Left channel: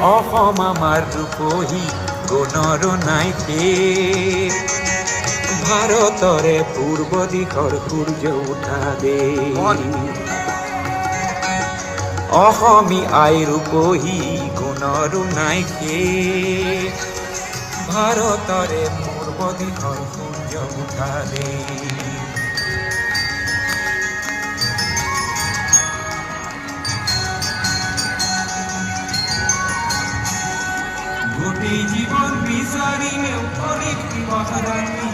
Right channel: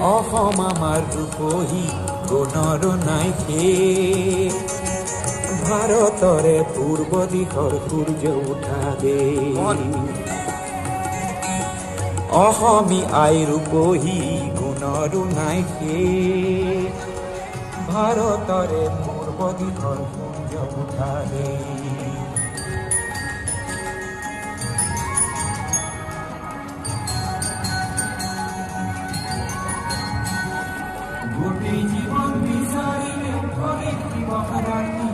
অসম আমাৰ ৰূপহী গুণৰো নাই শেষ ভাৰতৰে পূৰ্ব দিশৰ সূৰ্য উঠা দেশ অসমী আই ৰূপহী গুণৰো নাই শেষ ভাৰতৰে পূৰ্ব দিশৰ সূৰ্য উঠা দেশ গোটেই জীবন বিচাৰিলেও অনেক বিপদ ৰাতি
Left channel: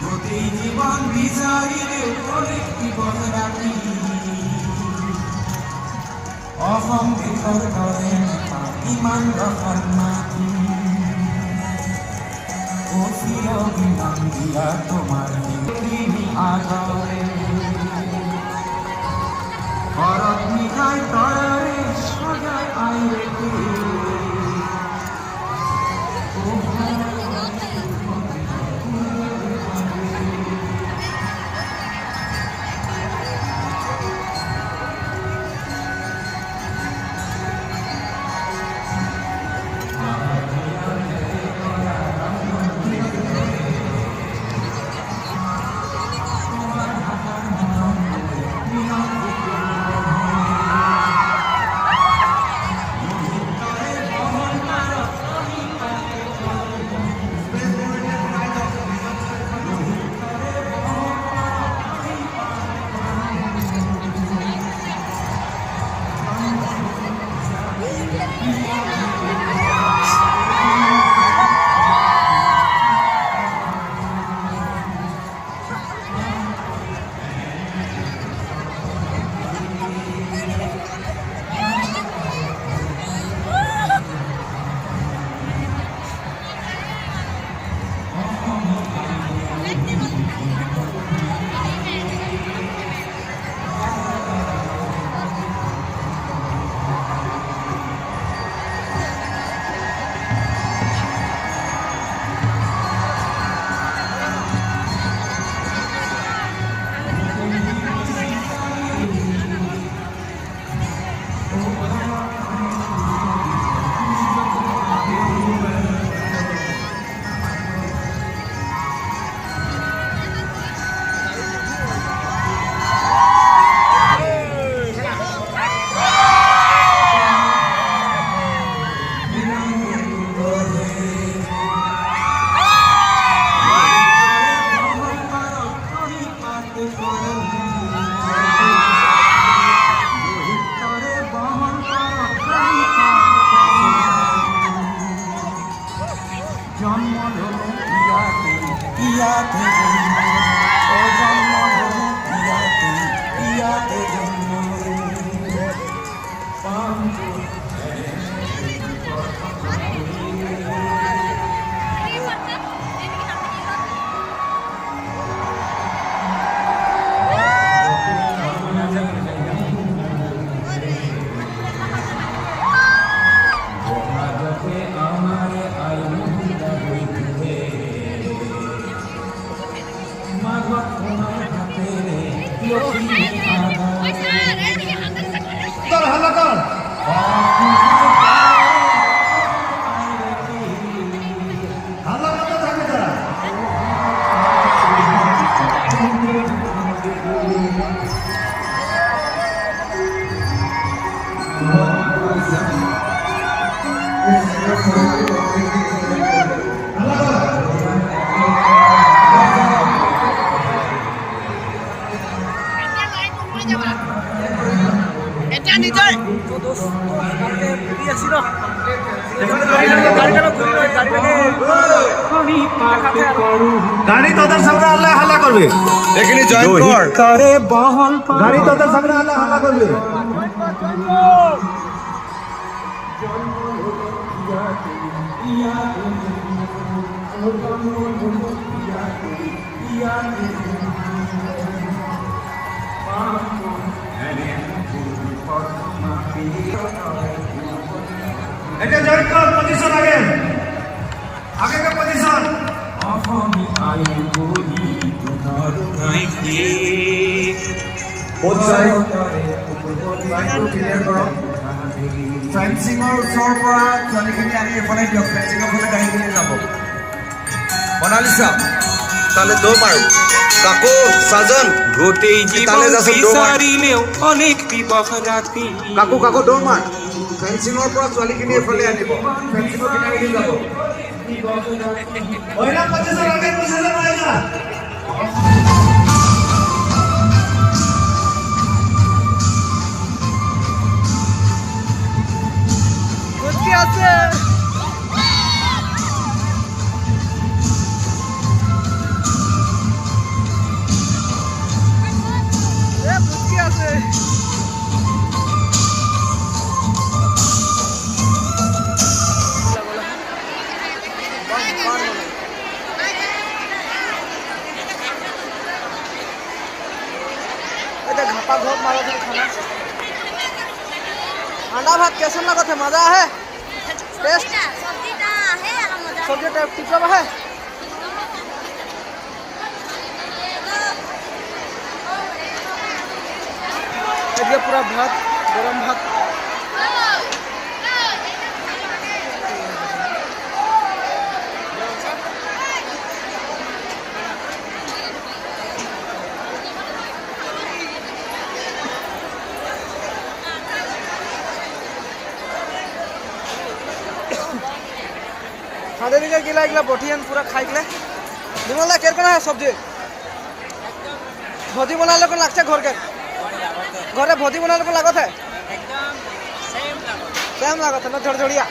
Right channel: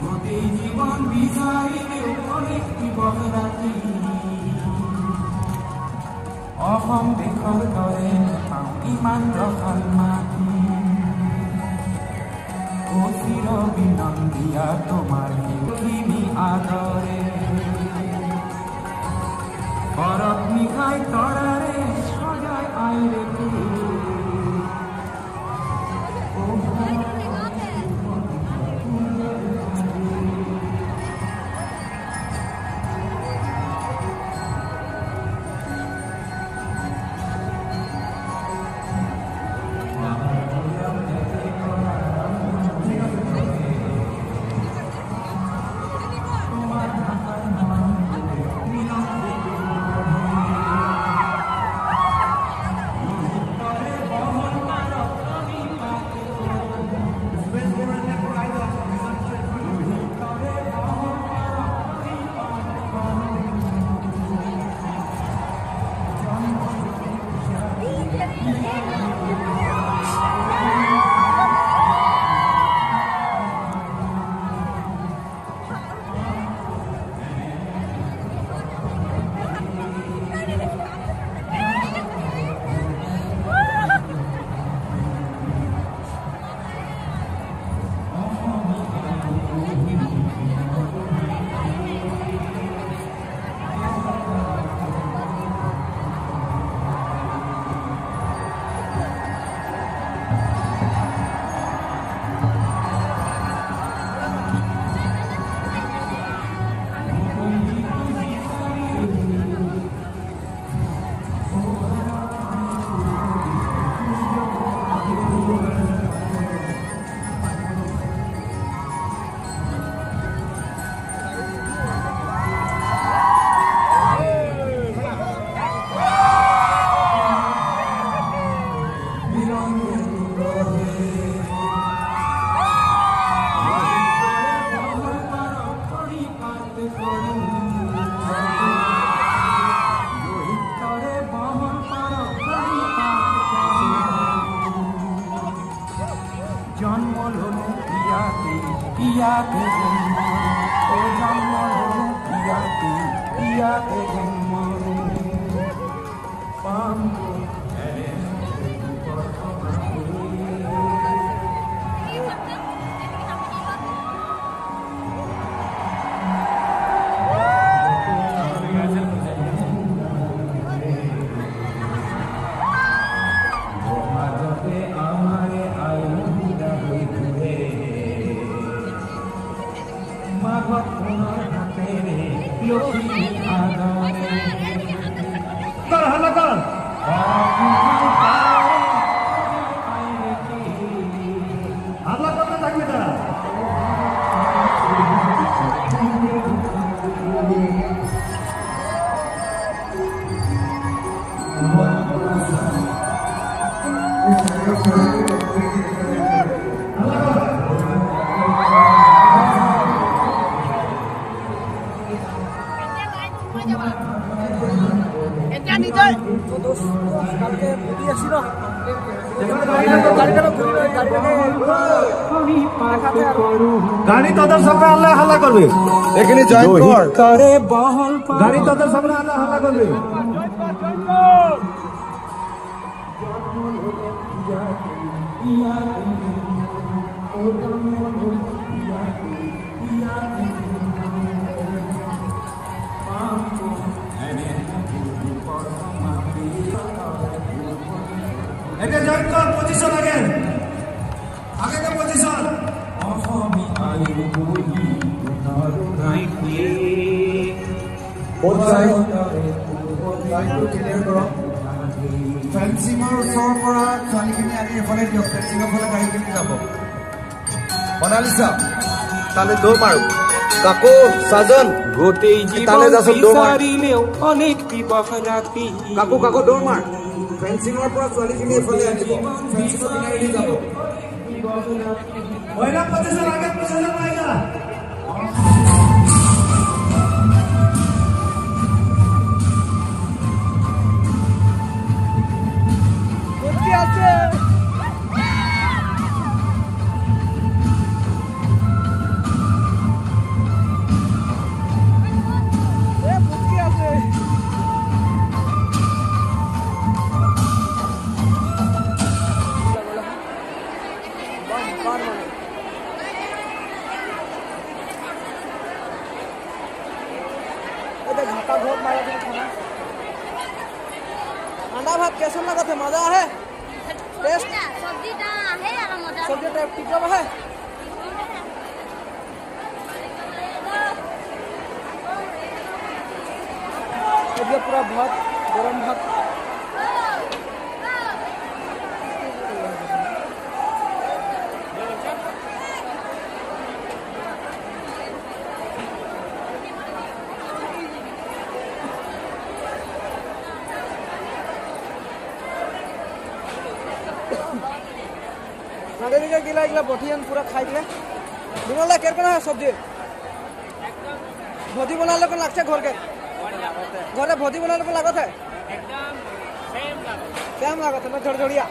গোটেই জীবন বিচাৰিলেও অনেক বিপদ ৰাতি অসম দেশৰ দৰে ইমান ৰসাল মাটি অচিৰ বিমান দিয়া তোমাৰ সেইখিনি আদৰে ঘৰত নিজাই তয়াৰে সজাই আইৰে গাড়ি তাদের সামনে আল্লাহ হাল্লা করবে এখানে জয়েন কর তারে বহল গাড়ি তাদের সামনে আল্লাহ হাল্লা করবে এটা জয়েন কর পজিশন আগে আগে का পজিশন অসমী আইৰ বহি তোমাৰ নাই শেষ বহুত সাইড লাইনটো ক্লিয়াৰ কৰো ফেন্সিঙৰ ওচৰৰ পৰা ছোৱালীখিনি আনি এইফালে দিয়ক ফেন্সিঙৰ ফালে গাড়ীখিনি যাব মনালিছা তাহলে দৌড় মাৰো কাকু সাজন গোটেই তালে জীবন যাচোন দৌড় মাৰ বিচাৰিলেও অনেক দিবস ৰাতি কাকু কাকু দৌড় মাৰ ফেন্সিঙৰ পৰা ছোৱালীখিনি এইফালে আনিব ফেন্সিঙৰ কিনাৰেদি যাব महिला पोजीशन आगे पोजीशन आएगा বুঝকি আছে বুঝকি আছে घाटा घोक मारा थे खाना अंडा भात कैसे लगा थे मजा है टेस्ट सब्जी टाइप ठीक है ये पूरा भात गरम भात खादे दिखे गिला गिला बठियान पूरा खाई गले बिमला केर कोना है सब्जी भजी बनाले को लागছে घर के घरे भजी बनाले को लागत है सेम लागत है ना झड़झड़िया